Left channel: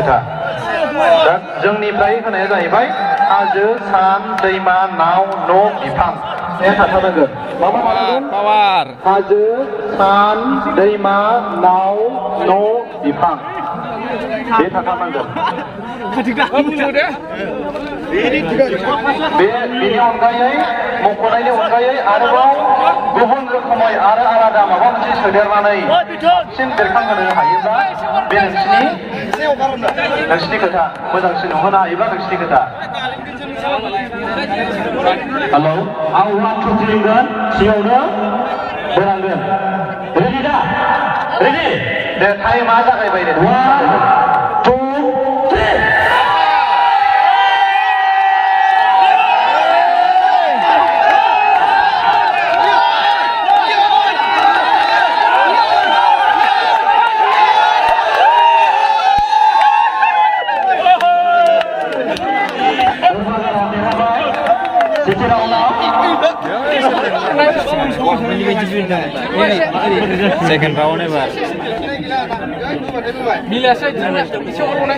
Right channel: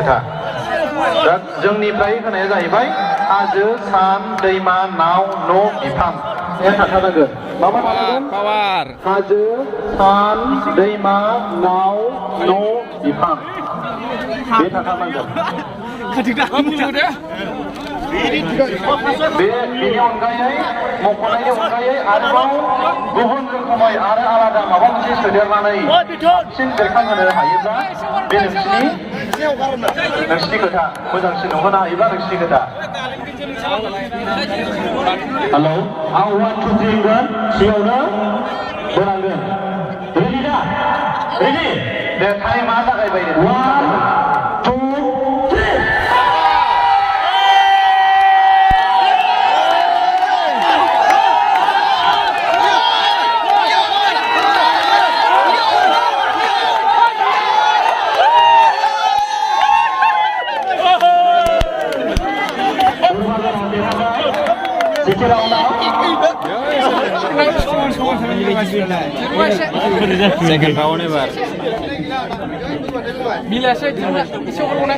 खोथा दा जोंनिफ्राय होनाया जाहैबाय हाजो सान दैमा नाव न' बिफां बे थाथारनांगोन मा मा थानांगोन हाजो सान दैमा नाव न' बिफां बे थाथारनांगोन बेनि अनगायै मख'नायनि अनगायै आरोबाव गुबुन रोखोमै आरो आलादा माबा मोनसे सोदेरनानै बांसिन बेरखांहोनो हायोब्ला बे नोंसिनि खोथा मोजांसिन नुहोनो हायोब्ला नोंसिनि खोथा हेलौ आं 1 2 3 होनगोन सिगाङावनो बोनांगोन रेडि दा रेडि दे टाइमा जागायबाय दे 1 2 3 Second round ever. Bila saya isi orang mana?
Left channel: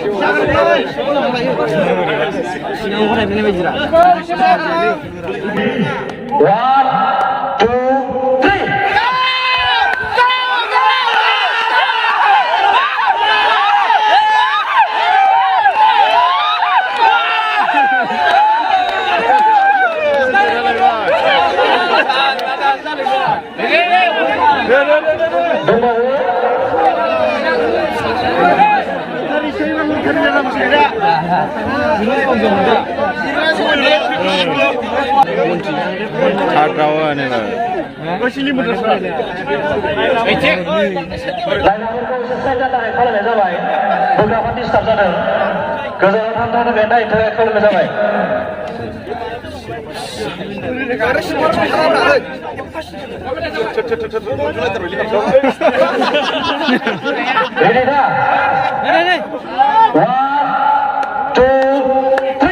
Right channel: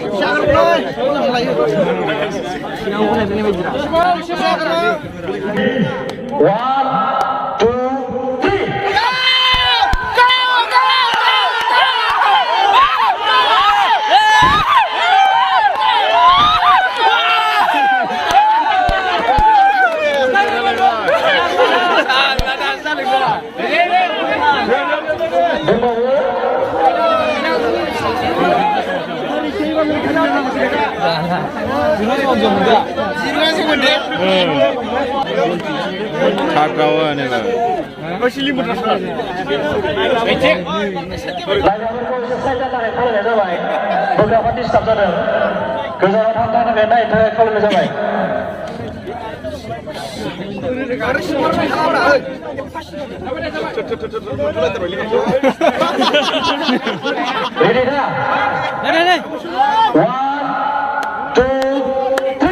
Third round ever. Ready dah? Ready. 1 2 3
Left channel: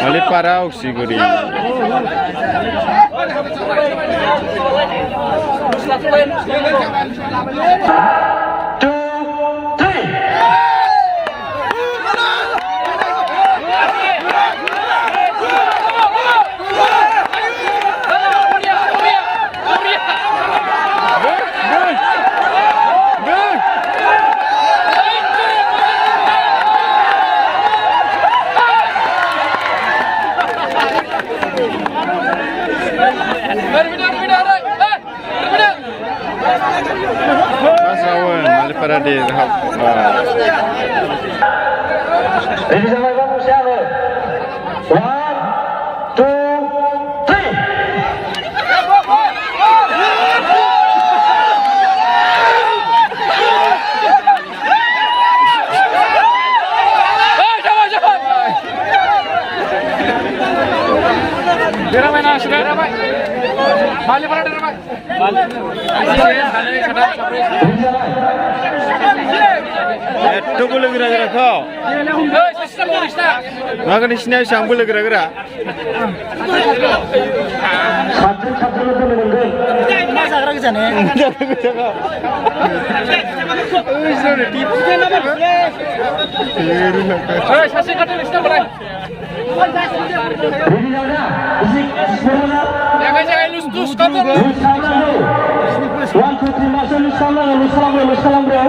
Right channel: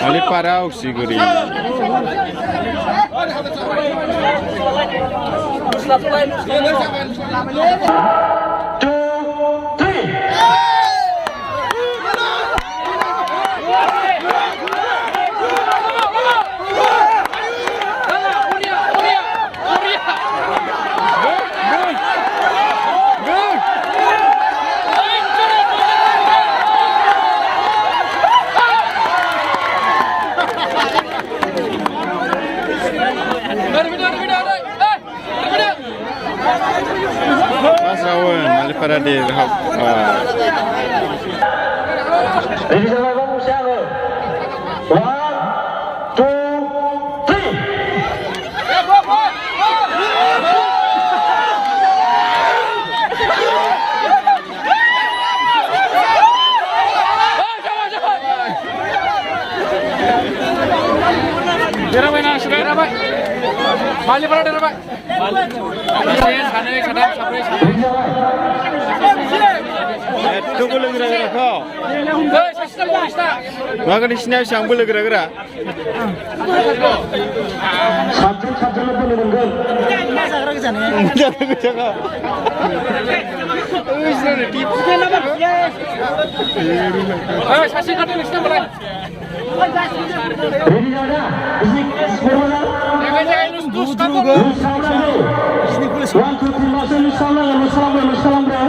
Oleh para oxiguri. Mas Rawan, oleh para di rahap. Ready sampai kamu siapa? 1 2 3 Ramai nak sudah ramai. Balik pada ramai. Itu boleh gerak-gerak kau. Maka di sini siang boleh gerak-gerak. Satu lebih menunggu. Masa gerak ke sana? Gerak ke sana. Sudah tipu. Masih ada di sana berapa? Ready dah? Isi sepuluh. Jangan lus kata. 1 2 3 masuk salam bro.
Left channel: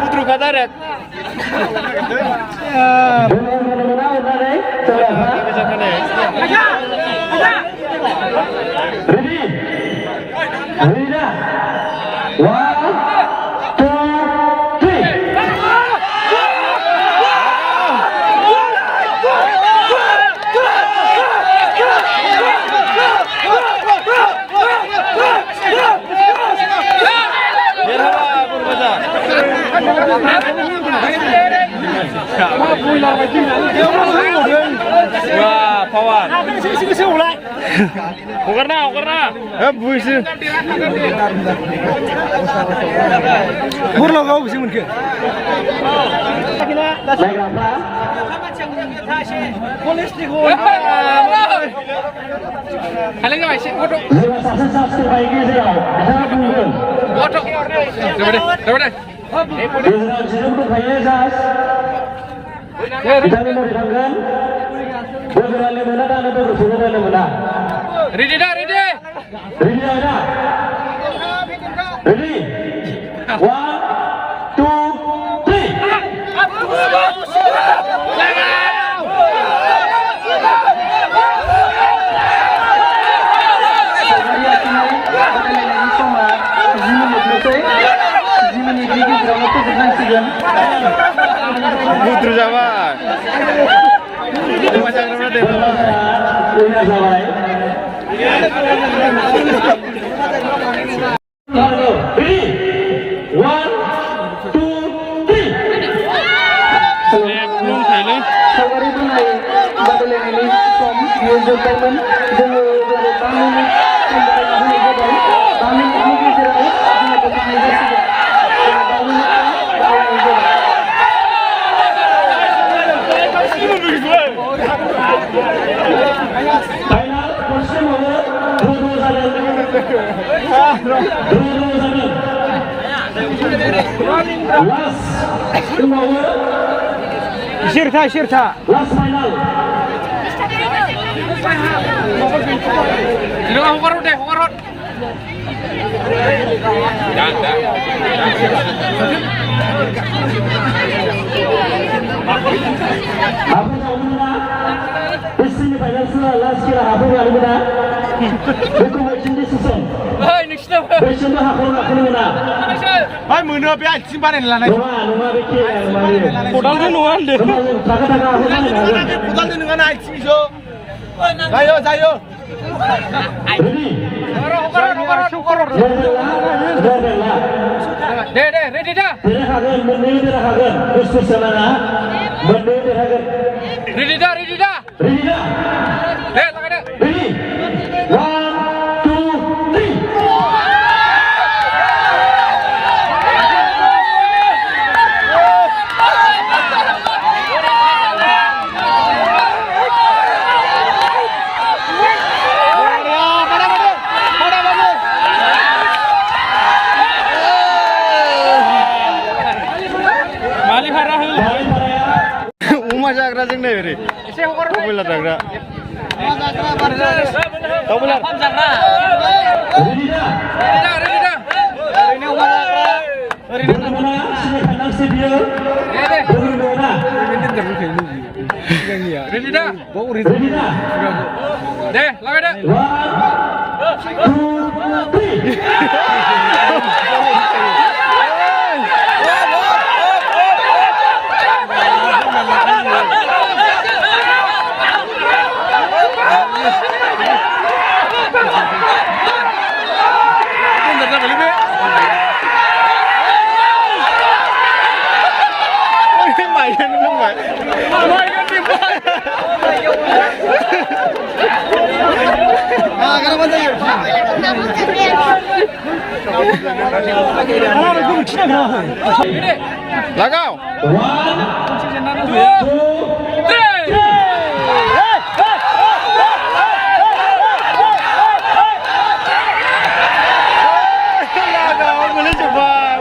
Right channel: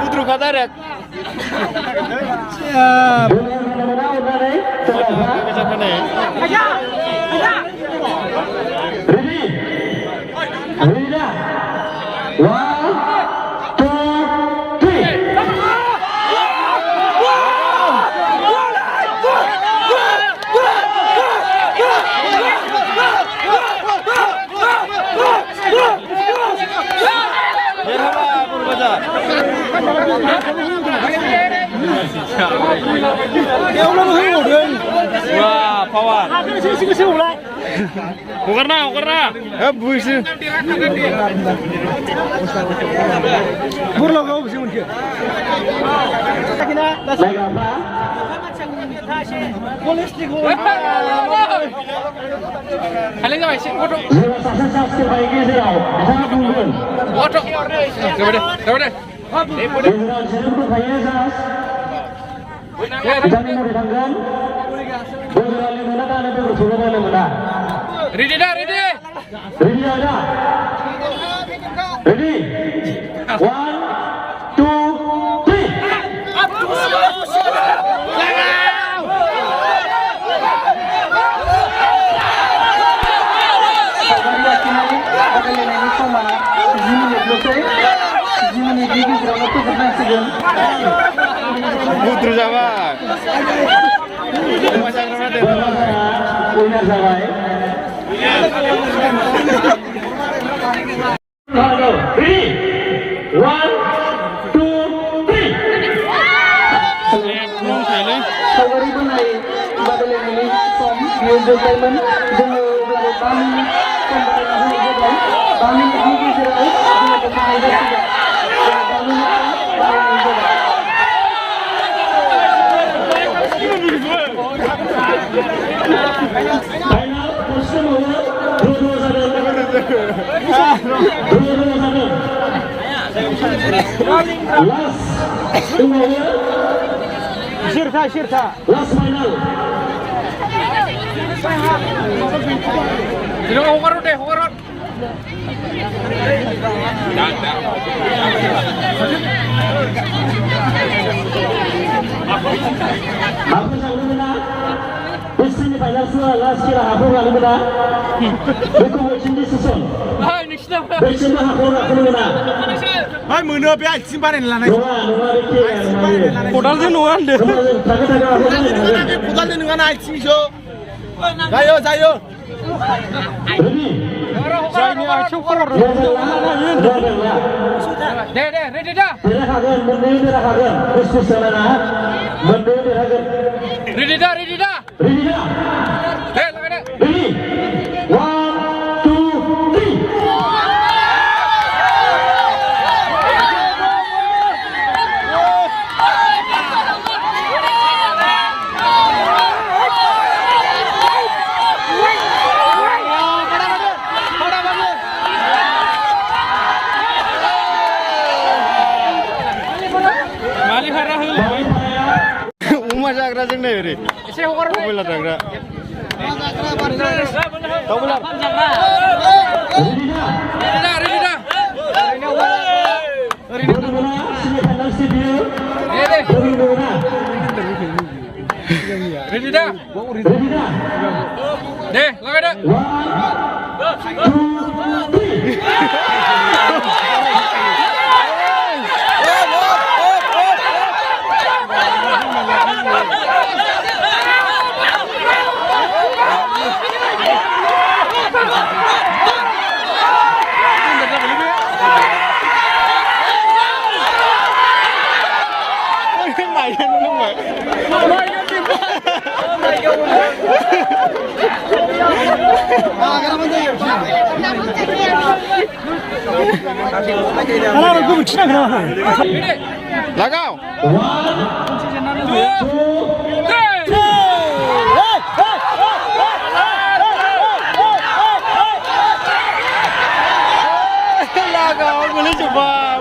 Putru kata rek. Ready? Ready dah? 1 2 3 पावार हगारना बुइसो बुरलागाव बेसे मोनखो हालें जाबाय एसे फट' जाबाय दे बिथांनि मरै थांगोन बोगोरालि मोना दानो बोगोर सौलायनो मोना रेडि दा रेडि रेडि दा रेडि 1 2 3 बादायलायनायनि समा 10 मिनिटल'सै 10 मिनिटनि गेजेरावनो फोजोबनांसिगोन बुद्रु जाबाय उइनार जाबाय रेडि 1 2 3 सावगारि बोनाय बादायलायनायनि सम बियो जोबबायमोन जोङो 5 मिनिट सम बादायलायनाय जाबाय 5 मिनिटनि गेजेराव जोङो बोखांनाय जासिगोन जोङो 5 मिनिट बादायलायनाय जाबाय फाइनाल खनसे मावो द्र' जादों लास्ट दंबावो सेरथा लास्ट फाइनाल हगार दे हगार Apa tahu mana? Pasti ni final semua last kira apa yang mana? Bukan macam ni susun. Hai nixna Macam mana aku mana? Hai mono be आथिं बानायना लानाय Numa beki yang खदालजों नङा होनदो Taga aku mana? खदालजों नङा ना आथिंसो जायो Ready? deh ready dah Tidak akan menang, tidak akan. Khusus jalan menang tidak akan. ready dah Ready dah? deh laga deh Ready? 1 2 3 मालिक हारा होलाय अमा जाग्रा जोंनो ओरै एसे हगार बयलार जाग्रा दाउ बयलार Ready dah? ready dah Bagaimana? Sini kandang si dia. Dari mana? ready dah Ready dah? deh laga deh 1 2 3 लागाव 1 2 लागाव गोलैजोब्बाय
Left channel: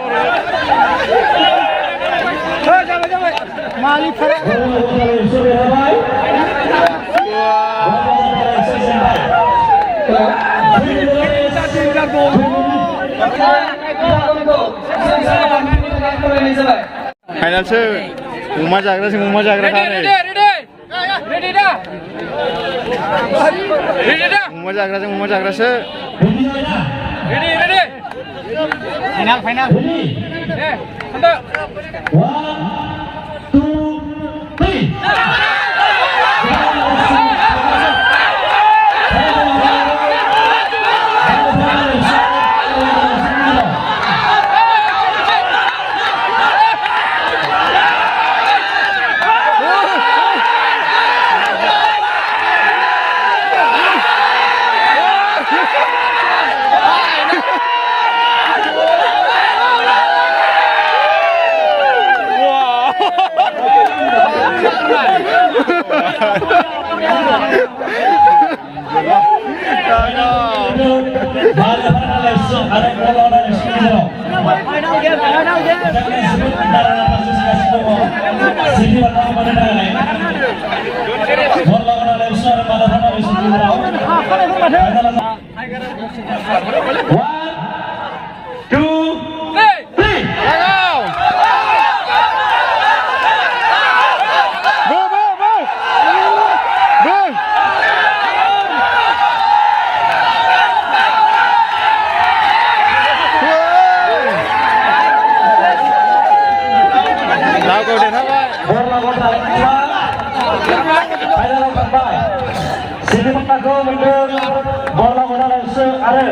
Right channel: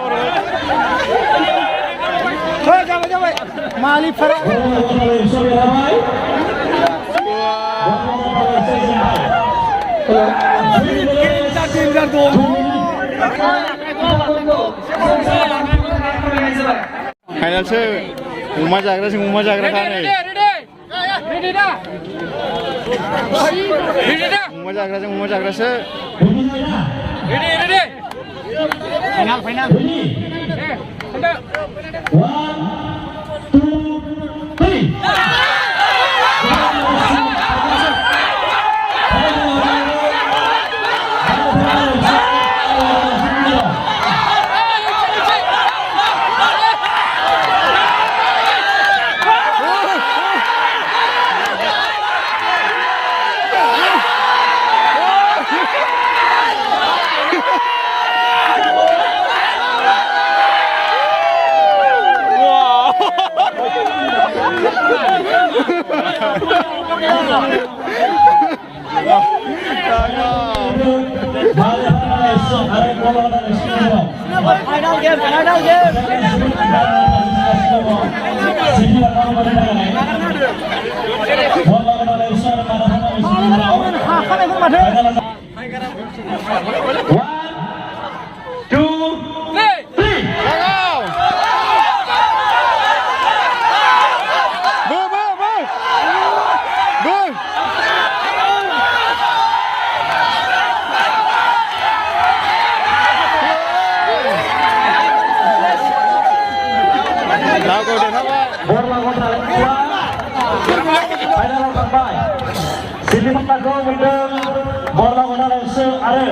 जाबाय मालिकफोरा फाइनालसो अमा जाग्राजों अमा जाग्रा था नै ready dah अमा जाग्राजों अमा जाग्रासो ready final deh anda 1 2 3 Sini mengaku mendung bola bola langsung ada.